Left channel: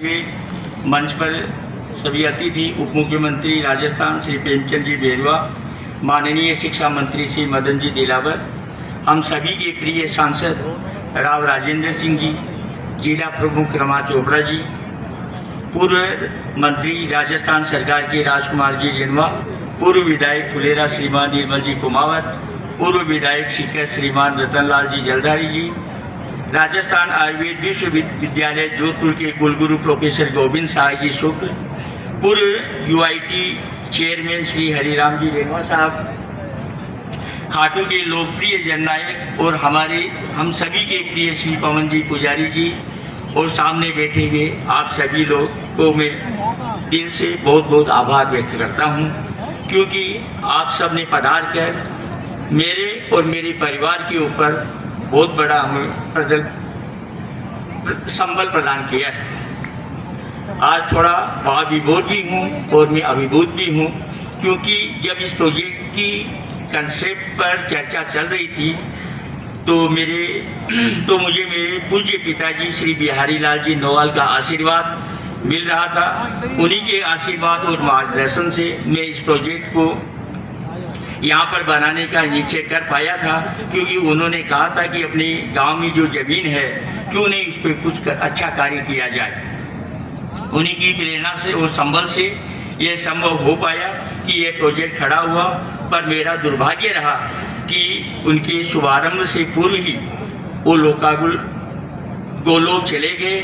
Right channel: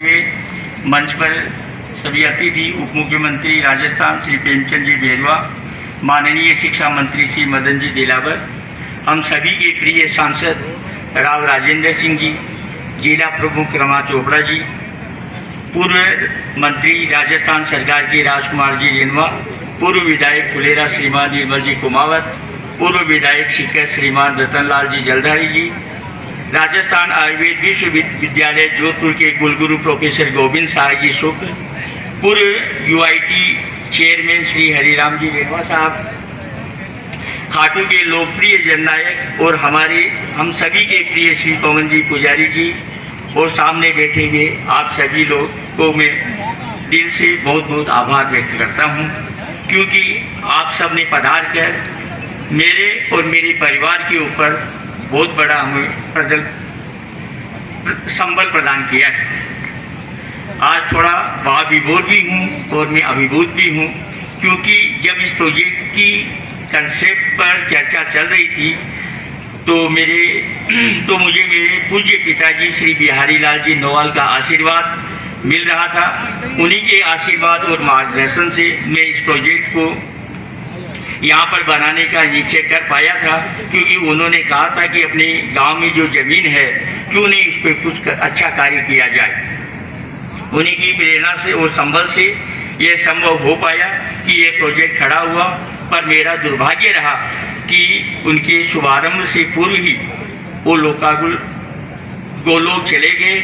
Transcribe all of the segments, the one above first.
मंच पर सभी अतिथि उप मुख्यमंत्री राजस्थान श्री प्रेमचंद जी बेरवा, माननीय शिक्षा मंत्री श्री मदन जी दिलावर, हम सभी के प्रिय सांसद राव राजेंद्र सिंह जी, जिला प्रमुख रमा चोपड़ा जी, पूर्व मंत्री राजस्थान सरकार के राजकुमार जी रेनवा, पूर्व विधायक फुलेरा श्रीमान निर्मल जी कुमावत, पूर्व विधायक शिक्षक श्रीमान रतनलाल जी जलधारी जी, राजस्थान आयुर्वेद विश्वविद्यालय जोधपुर के कुलगुरु प्रोफेसर गोविंद साय जी शुक्ल, पूर्व यूआईटी चेयरमैन श्री हरिराम जी रेनवा साहब, खाटू के लोकप्रिय जननायक और हम सभी के प्रिय श्री पवन जी पुजारी जी, और सामने बैठे हुए आप सभी लोग को मैं दिल से बहुत बहुत आभार व्यक्त करता हूं, क्योंकि आप सब ने पधार कर मेरे और मेरे परिवार के ऊपर बहुत बड़ा हमें संबल प्रदान किया है। आज थोड़ा भावविभोर भी हूँ और मैं अभिभूत भी हूँ, क्योंकि जब इस प्रोजेक्ट की कंसेप्ट पर चर्चा चल रही थी तो मुझे मेरे पूज्य पिताजी श्री बिहारी लाल जी नोवाल का आशीर्वाद मिल रहा था। उन्हीं के आशीर्वाद और मार्गदर्शन से मैं इस प्रोजेक्ट को यहाँ पर बनाने का निश्चय कर पाया था, क्योंकि उन्होंने कहा था कि अपने गांव में जो जमीन है क्यों नहीं उस पर कुछ अच्छा कार्य किया जाए। उन्हीं की प्रेरणा से और संबल से यह संभव हो पाया कि यह प्रोजेक्ट खड़ा हुआ। पर मेरा दुर्भाग्य रहा कि उनके शुभारंभ से पूर्व ही वो गोलोक चले गए,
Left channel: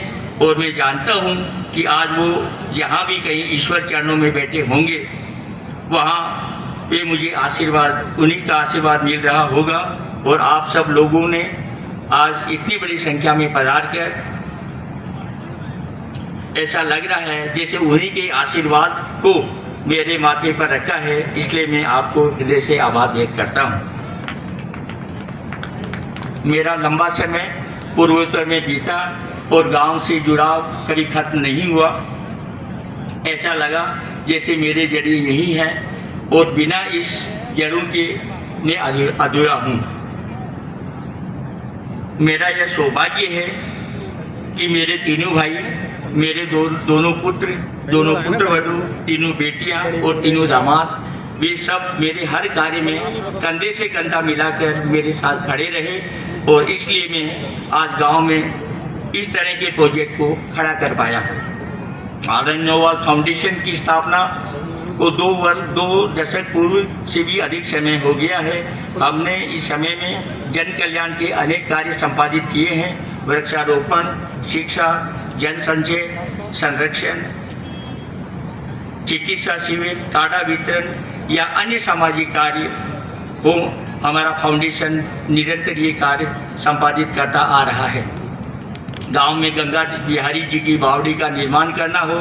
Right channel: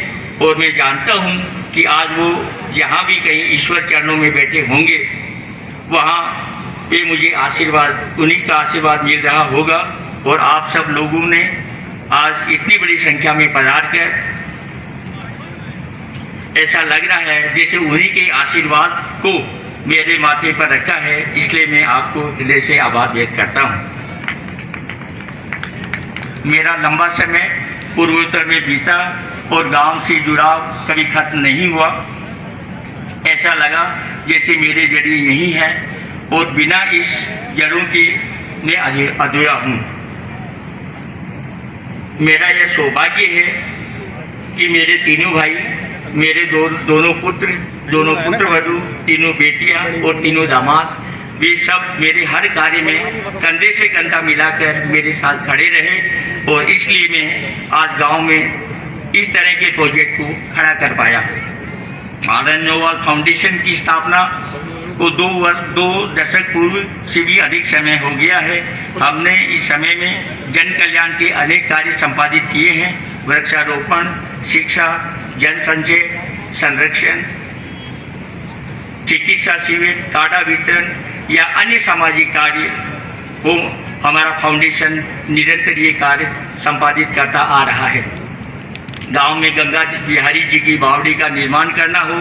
और मैं जानता हूँ कि आज वो जहाँ भी कहीं ईश्वर चरणों में बैठे होंगे वहाँ ये मुझे आशीर्वाद, उन्हीं का आशीर्वाद मिल रहा होगा। और आप सब लोगों ने आज इतनी बड़ी संख्या में पधार कर ऐसा लग रहा है जैसे उन्हीं के आशीर्वाद को मेरे माथे पर रखा है, इसलिए मैं आपको हृदय से आभार व्यक्त करता हूँ। मेरा लंबा समय पूर्वोत्तर में बीता और गांव से जुड़ाव कभी खत्म नहीं हुआ। ऐसा लगा जैसे मेरे जड़ें यही हैं और बिना इस जड़ों के मैं अधूरा हूँ। मेरा यह सौभाग्य है कि मेरे तीनों भाई, मेरे दोनों पुत्र वधू, तीनों बेटियां और तीनों दामाद, वे सब मेरे हर कार्य में कंधे से कंधा मिलाकर मेरे साथ खड़े रहे, और इसलिए मैं आज गांव में इस तरह के प्रोजेक्ट को खड़ा कर पाया। आनंद नोवाल फाउंडेशन की स्थापना को 2 दशक पूर्व से भी अधिक समय हो गया है। हमने इस समय में जन कल्याण के अनेक कार्य संपादित किए हैं। वृक्षारोपण, शिक्षा, जन संचय, संरक्षण, चिकित्सा शिविर, काढ़ा वितरण या अन्य सामाजिक कार्य हो, हमारा फाउंडेशन निरंतर ये कार्य संपादित करता आ रहा है। गांव में गंगा बिहारी जी की बावड़ी का निर्माण करना हो,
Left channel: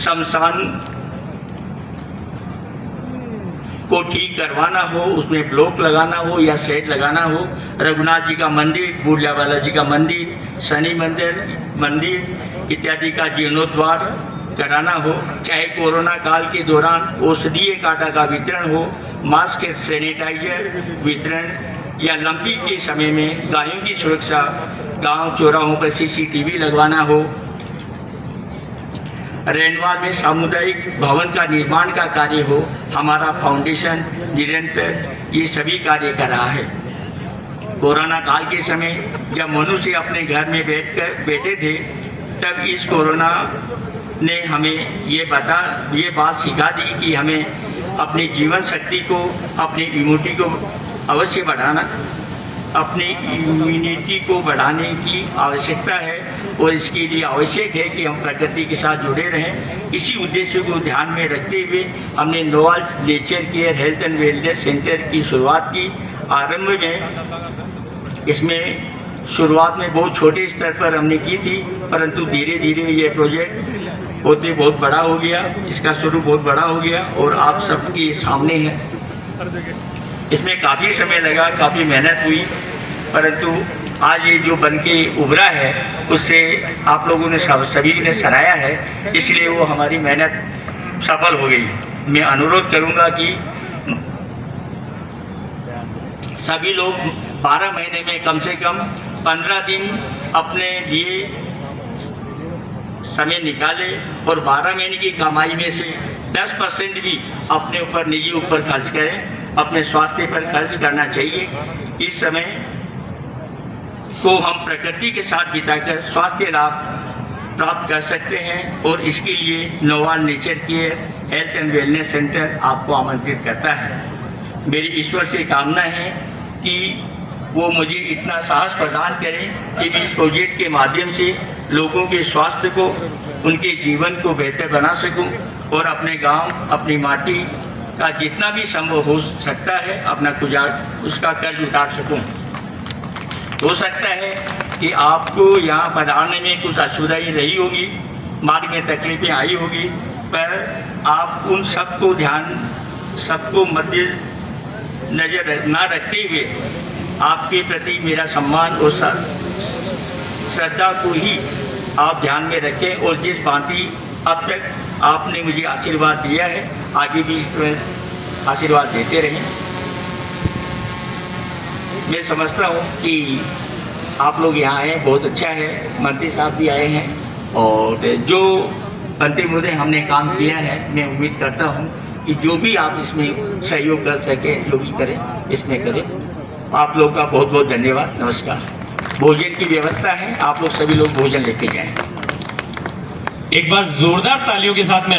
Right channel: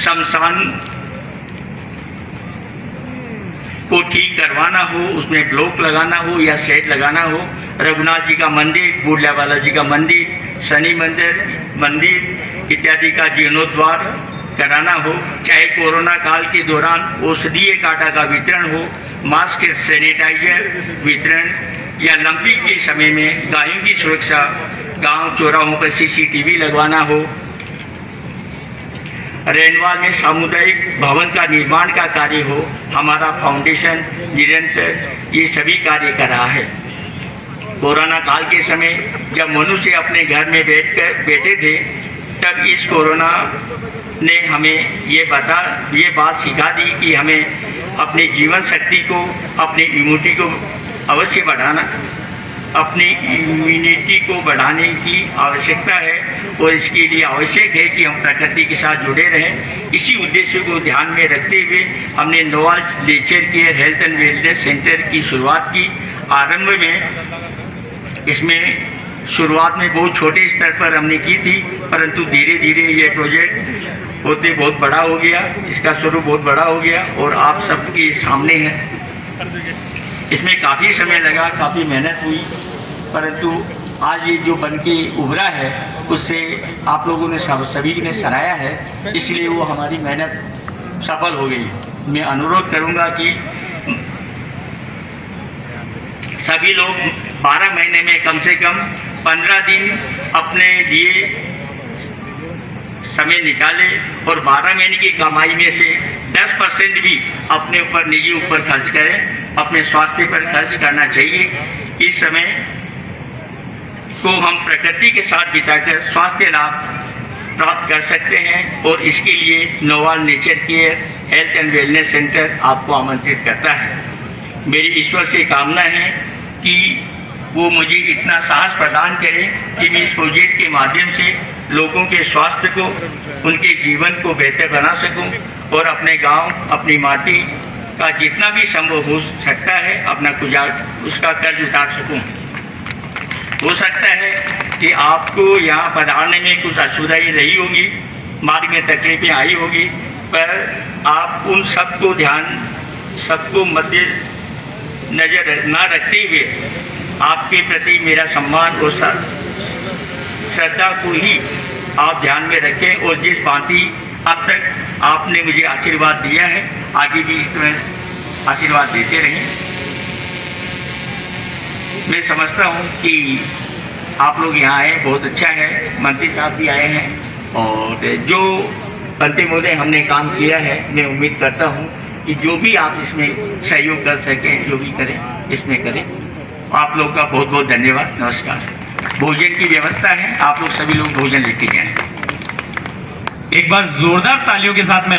शमशान को ठीक करवाना हो, उसमें ब्लॉक लगाना हो या शेड लगाना हो, रघुनाथ जी का मंदिर, बुढ़ियावाला जी का मंदिर, शनि मंदिर इत्यादि का जीर्णोद्धार कराना हो, चाहे कोरोना काल के दौरान औषधीय काढ़ा का वितरण हो, मास्क, सैनिटाइजर वितरण, या लंपी के समय में गायों की सुरक्षा, गांव चौराहों पर CCTV लगवाना हो, रेनवाल में सामुदायिक भवन का निर्माण का कार्य हो, हमारा फाउंडेशन निरंतर ये सभी कार्य कर रहा है। कोरोना काल के समय जब मनुष्य अपने घर में बैठे थे, तब इस कोरोना ने हमें ये बात सिखा दी कि हमें अपनी जीवन शक्ति को, अपनी इम्यूनिटी को अवश्य बढ़ाना, अपनी इम्यूनिटी को बढ़ाने की आवश्यकता है, और इसके लिए आवश्यक है कि हम प्रकृति के साथ जुड़े रहें। इसी उद्देश्य को ध्यान में रखते हुए हमने Noval Nature Care Health and Wellness Centre की शुरुआत की। आरंभ में इसमें शुरुआत में बहुत छोटे स्तर पर हमने की थी, परंतु धीरे धीरे ये प्रोजेक्ट होते बहुत बड़ा हो गया, इसका स्वरूप बहुत बड़ा हो गया और आप सबके सामने है। इसमें काफ़ी समय लगा, काफ़ी मेहनत हुई, परंतु आज ये जो बन के उभरा है उससे आप लोगों ने सभी ने सराहा है, इसलिए वो हमारी मेहनत सफल हो गई। मैं अनुरोध करूंगा कि सभी लोग 12 महीने में कम से कम 15 दिन अपने लिए समय निकाले और 12 महीने की कमाई में से 10% भी अपने ऊपर, निजी ऊपर खर्च करें। अपने स्वास्थ्य पर खर्च करना चाहिए। इस समय को हम प्रकृति के साथ बिताकर स्वास्थ्य लाभ प्राप्त कर सकते हैं और इसके लिए Noval Nature Care Health and Wellness Centre आपको आमंत्रित करता है। मेरी ईश्वर से कामना है कि वो मुझे इतना साहस प्रदान करे कि मैं इस प्रोजेक्ट के माध्यम से लोगों के स्वास्थ्य को, उनके जीवन को बेहतर बना सकूं और अपने गांव, अपनी माटी का जितना भी संभव हो सकता है अपना उसका कर्ज उतार सकूं। हो सकता है कि आपको यहाँ पधारने में कुछ असुविधाएं रही होगी, मार्ग में तकलीफें आई होगी, पर आप उन सबको मध्य नजर ना रखते हुए आपके प्रति मेरा सम्मान और श्रद्धा को ही आप ध्यान में रखें और जिस भांति अब तक आपने मुझे आशीर्वाद दिया है आगे भी इस तरह आशीर्वाद देते रहें। मैं समझता हूँ कि आप लोग यहाँ आए, बहुत अच्छा है। मंत्री साहब भी आए हैं और जो अंतिम महोदय हमने काम किया है, मैं उम्मीद करता हूँ कि जो भी आप इसमें सहयोग कर सकें, जो भी करें इसमें करें। आप लोग का बहुत बहुत धन्यवाद। नमस्कार। भोजन की व्यवस्था है, आप लोग सभी लोग भोजन लेके जाएं। एक बार जोरदार तालियों के साथ मैं